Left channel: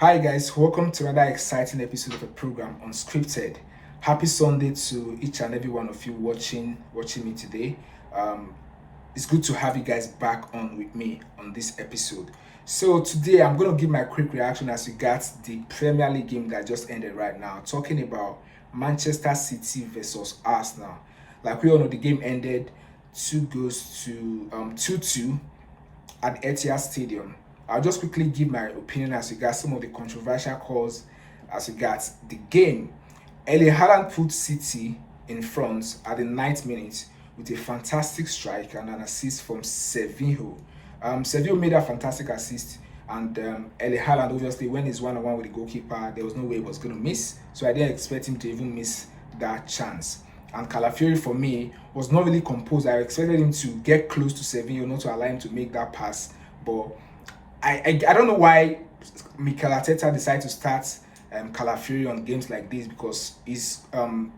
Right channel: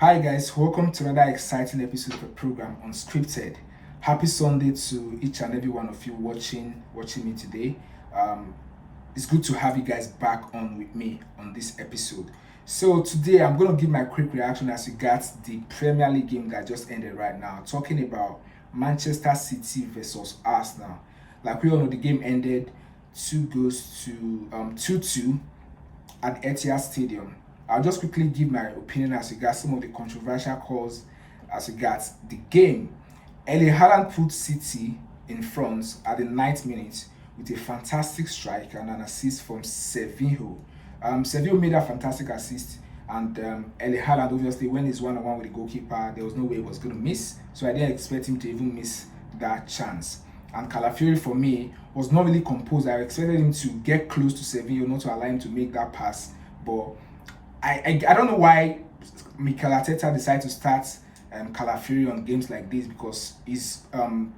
Hi guys, welcome to another exciting episode of the program Unscripted. Happy Sunday to each and every one of you watching me today. Um, it's good to have you guys back on with me on this episode. So today I'm going to give my quick reaction as regards the Premier League game that just ended right now, talking about Manchester City versus Arsenal. Like we all know, the game ended 2-2 at Etihad Stadium. I'll just quickly give my opinion as regards some of the controversial calls as regards the game. Earling Haaland put City in front at the 9th minute with a fantastic strike and an assist from Sevinho. Sevinho made a fantastic assist, and Earling Haaland, obviously, when he's one-on-one with the goalkeeper, there was no way he was going to miss. So I didn't expect him to even miss that chance. And Calafiori, for me, was not really composed. I expected him to get close to Sevinho, not to allow him to make that pass. But I don't know why Mikel Arteta decided to start Calafiori on games like this, because his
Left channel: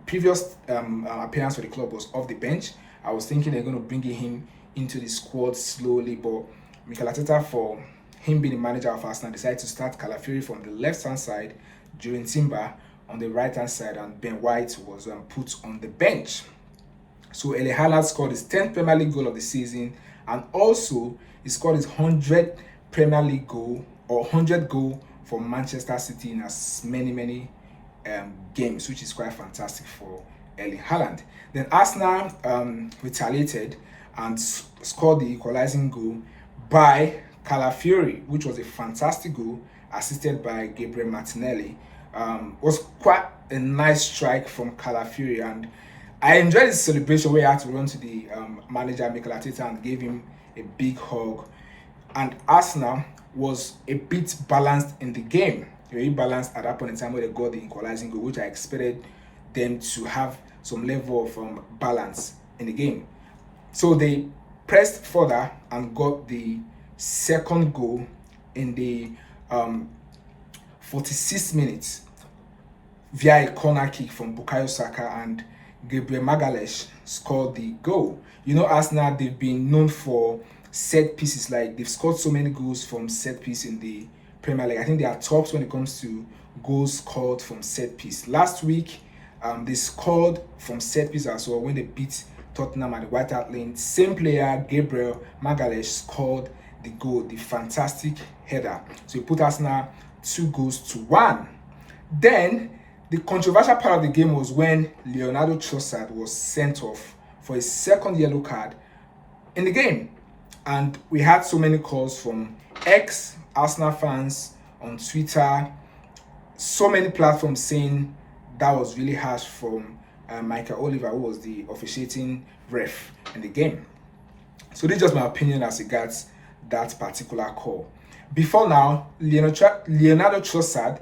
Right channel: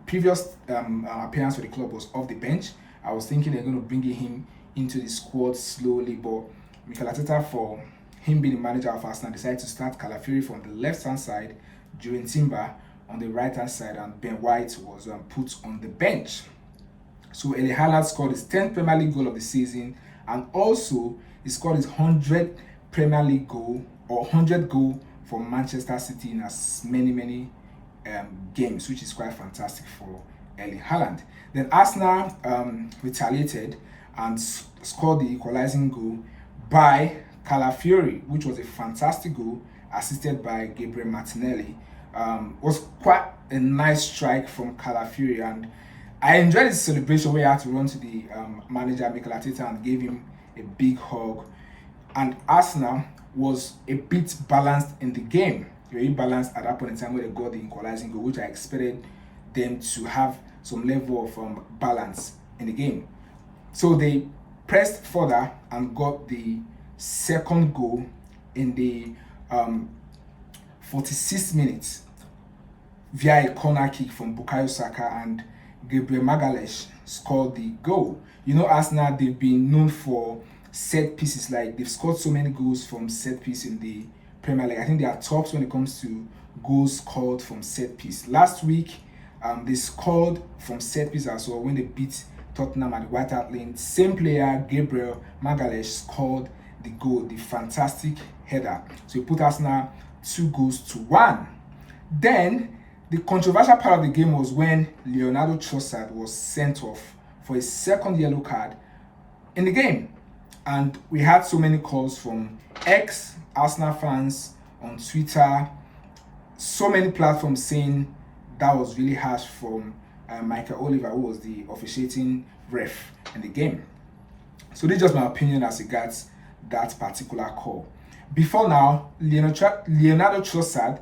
previous appearance for the club was off the bench. I was thinking they're going to bring him into the squad slowly, but Mikel Arteta, for him being the manager of Arsenal, decided to start Calafiori from the left-hand side, during Timber on the right-hand side, and Ben White was put on the bench. So Earling Haaland scored his 10th Premier League goal of the season, and also he scored his 100th Premier League goal, or 100th goal for Manchester City in as many games, which is quite fantastic for Earling Haaland. Then Arsenal retaliated and scored the equalizing goal by Calafiori, which was a fantastic goal assisted by Gabriel Martinelli. Was quite a nice strike from Calafiori, and I enjoyed the celebration where he had to run to the manager Mikel Arteta and gave him a big hug. And Arsenal was a bit balanced in the game. Very balanced at that point in time where they got the equalizing goal, which I expected them to have some level of balance in the game. So they pressed further and got the second goal in the 46th minute via a corner kick from Bukayo Saka, and Gabriel Magalhaes scored the goal. You know, Arsenal, they've been known for set pieces. Like, they've scored so many goals from set piece in the Premier League. I think they are tops when it comes to goals scored from set piece. Last week, they scored from set piece as well when they beat Tottenham at the White Hart Lane. Same player, Gabriel Magalhaes, scored the goal, the fantastic header. So he put Arsenal 2-1. Then the controversial part of the game was when Leonardo Trossard was sent off for his second yellow card in the game. And we had so many calls from ex-Arsenal fans on Twitter, so many platforms saying that was really harsh from Michael Oliver, who was the officiating ref in the game. So this is just my opinion as regards that particular call. Before now, Leonardo Trossard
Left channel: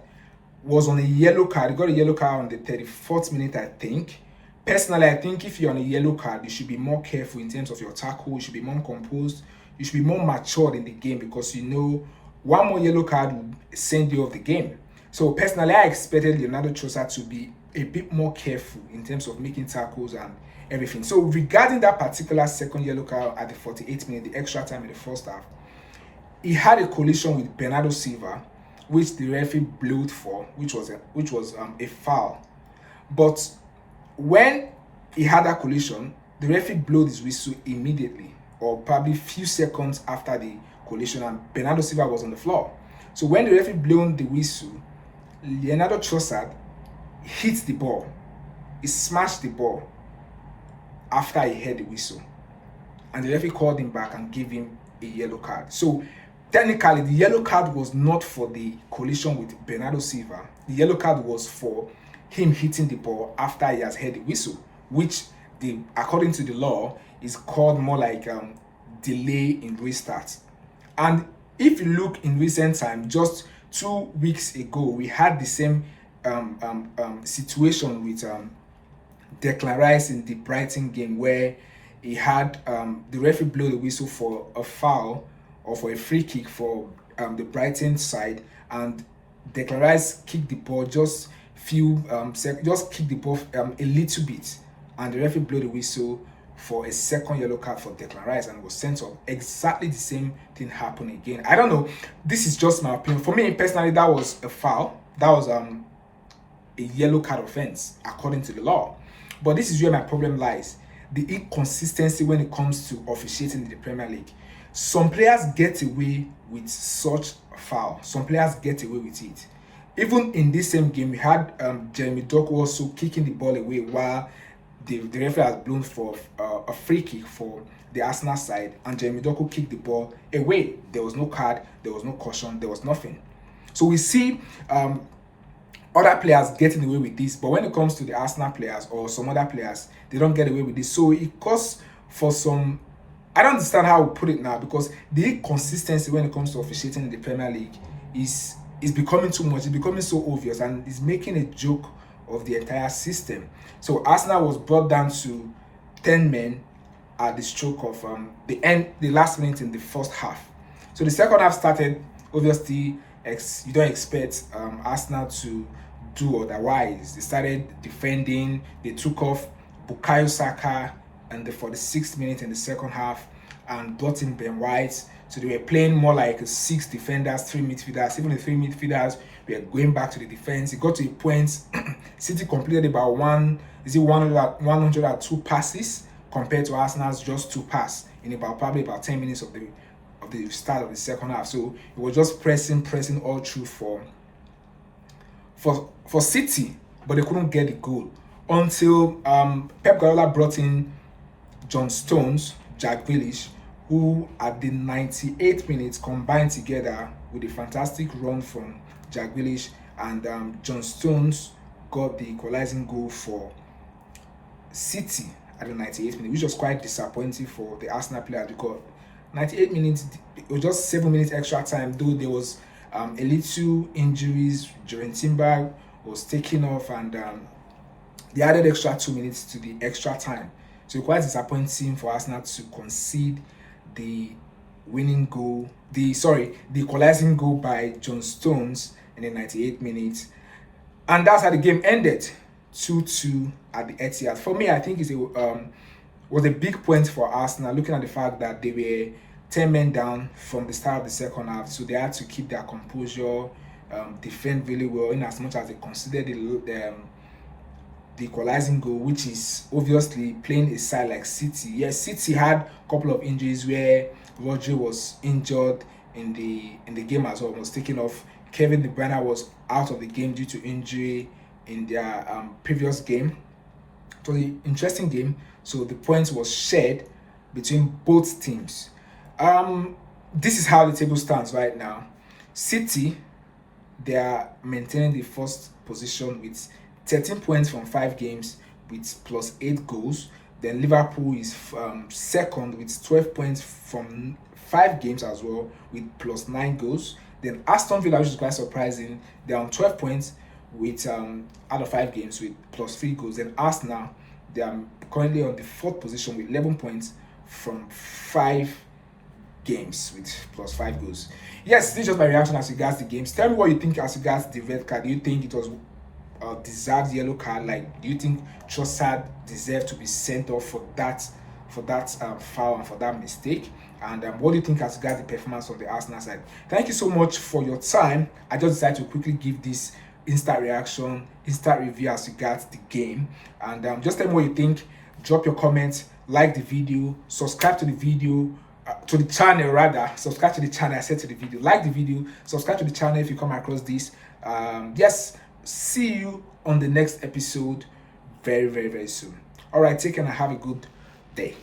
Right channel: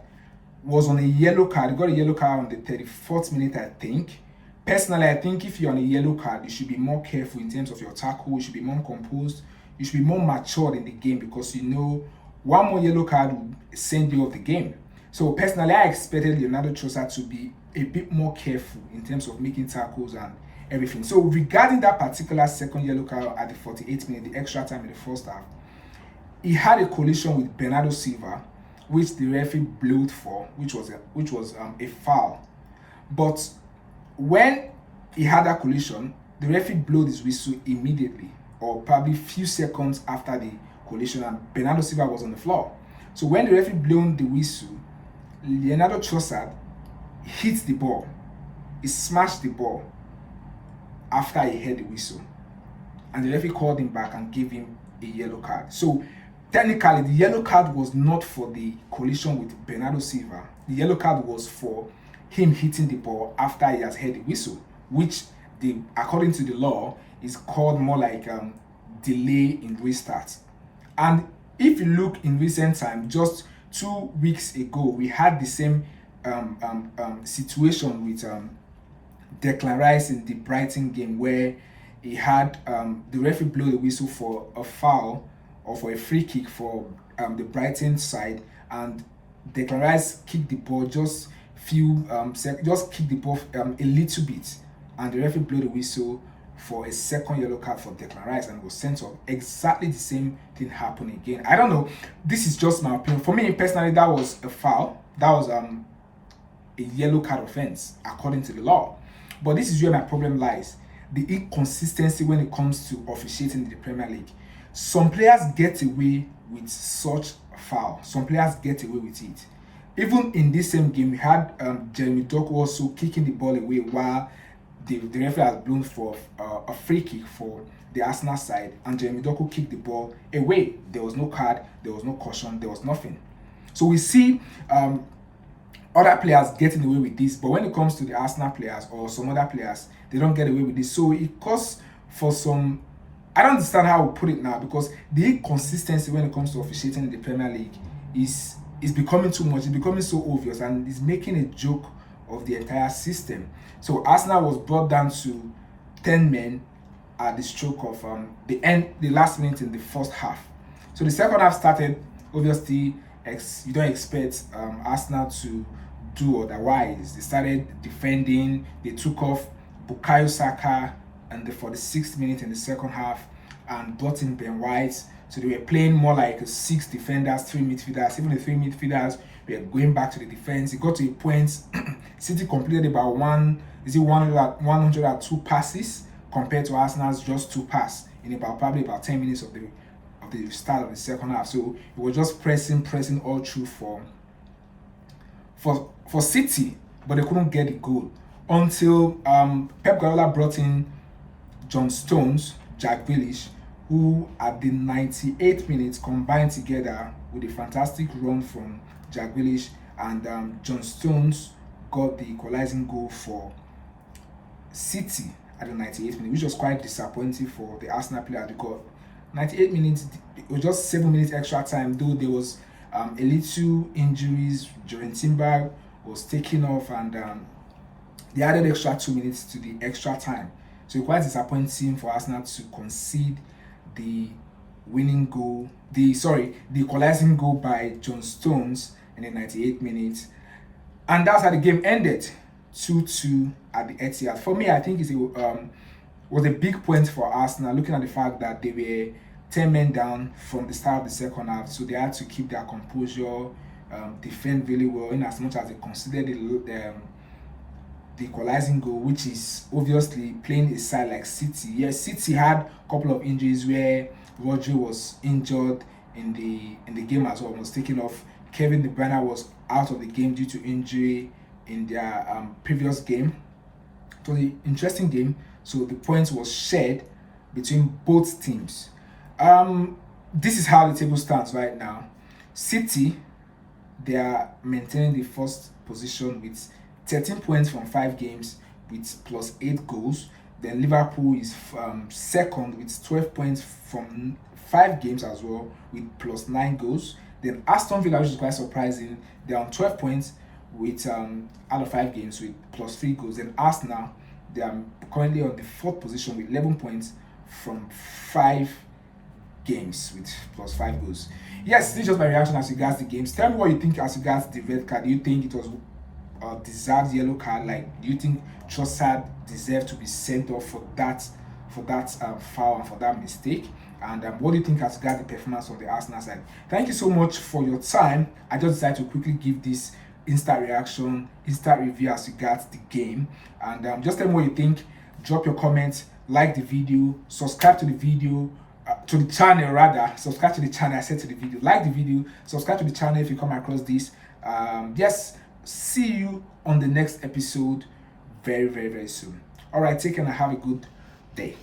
was on a yellow card. He got a yellow card on the 34th minute, I think. Personally, I think if you're on a yellow card, you should be more careful in terms of your tackle. You should be more composed. You should be more matured in the game, because you know one more yellow card will send you off the game. So personally, I expected Leonardo Trossard to be a bit more careful in terms of making tackles and everything. So regarding that particular second yellow card at the 48th minute, the extra time in the first half, he had a collision with Bernardo Silva, which the referee blew for, which was a foul. But when he had that collision, the referee blew his whistle immediately, or probably few seconds after the collision, and Bernardo Silva was on the floor. So when the referee blew the whistle, Leonardo Trossard hit the ball. He smashed the ball after he heard the whistle, and the referee called him back and gave him a yellow card. So technically, the yellow card was not for the collision with Bernardo Silva. The yellow card was for him hitting the ball after he has heard the whistle, which, according to the law, is called more like delay in restart. And if you look in recent time, just 2 weeks ago, we had the same situation with Declan Rice in the Brighton game, where he had the referee blow the whistle for a foul or for a free kick for the Brighton side, and Declan Rice kicked the ball just kicked the ball a little bit, and the referee blew the whistle for a second yellow card for Declan Rice and was sent off. Exactly the same thing happened again. I don't know. This is just my opinion. For me personally, that was a foul. That was a yellow card offense according to the law. But this is where my problem lies. The inconsistency when it comes to officiating in the Premier League. Some players get away with such a foul. Some players get away with it. Even in this same game, we had Jeremy Doku also kicking the ball away while the referee has blown for a free kick for the Arsenal side, and Jeremy Doku kicked the ball away. There was no card, there was no caution, there was nothing. So we see other players getting away with this, but when it comes to the Arsenal players or some other players, they don't get away with this. So it costs for some. I don't understand how we put it now, because the inconsistency when it comes to officiating in the Premier League is becoming too much. It's becoming so obvious, and it's making a joke of the entire system. So Arsenal was brought down to 10 men at the stroke of the last minute in the first half. So the second half started. Obviously, you don't expect Arsenal to do otherwise. They started defending. They took off Bukayo Saka and the 46th minute in the second half and brought in Ben White. So they were playing more like 6 defenders, 3 midfielders. Even the 3 midfielders were going back to the defense. It got to a point City completed about 102 passes compared to Arsenal's just 2 passes in probably about 10 minutes of the start of the second half. So it was just pressing all through for City, but they couldn't get the goal until Pep Guardiola brought in John Stones, Jack Grealish, who at the 98th minute combined together with a fantastic run from Jack Grealish, and John Stones got the equalizing goal for City at the 98th minute, which was quite disappointing for the Arsenal players, because 98 minutes, it was just 7 minutes extra time, though there was a little injuries. Jurgen Timber was taken off, and they added extra 2 minutes to the extra time. So quite disappointing for Arsenal to concede the winning goal, the equalizing goal by John Stones in the 98th minute. And that's how the game ended, 2-2 at the Etihad. For me, I think it was a big point for Arsenal, looking at the fact that they were 10 men down from the start of the second half. So they had to keep their composure, defend really well, in as much as they considered the equalizing goal, which is obviously playing a side like City. Yes, City had a couple of injuries where Rodri was injured in the game as well, was taken off. Kevin De Bruyne was out of the game due to injury in their previous game. It was an interesting game, so the points was shared between both teams. This is how the table stands right now. City, they are maintaining the first position with 13 points from 5 games with plus 8 goals. Then Liverpool is second with 12 points from 5 games as well with plus 9 goals. Then Aston Villa, which is quite surprising, they're on 12 points with out of 5 games with plus 3 goals. Then Arsenal, they are currently on the 4th position with 11 points from 5 games with plus 5 goals. Yes, this is just my reaction as regards the games. Tell me what you think as regards the red card. Do you think it was deserved yellow card? Like, do you think Trossard deserved to be sent off for that foul and for that mistake? And what do you think as regards the performance of the Arsenal side? Thank you so much for your time. I just decided to quickly give this instant reaction, instant review as regards the game. And just tell me what you think. Drop your comments, like the video, subscribe to the video, to the channel rather. Subscribe to the channel. I said to the video. Like the video, subscribe to the channel if you come across this. Yes, see you on the next episode very, very, very soon. All right, take care and have a good day.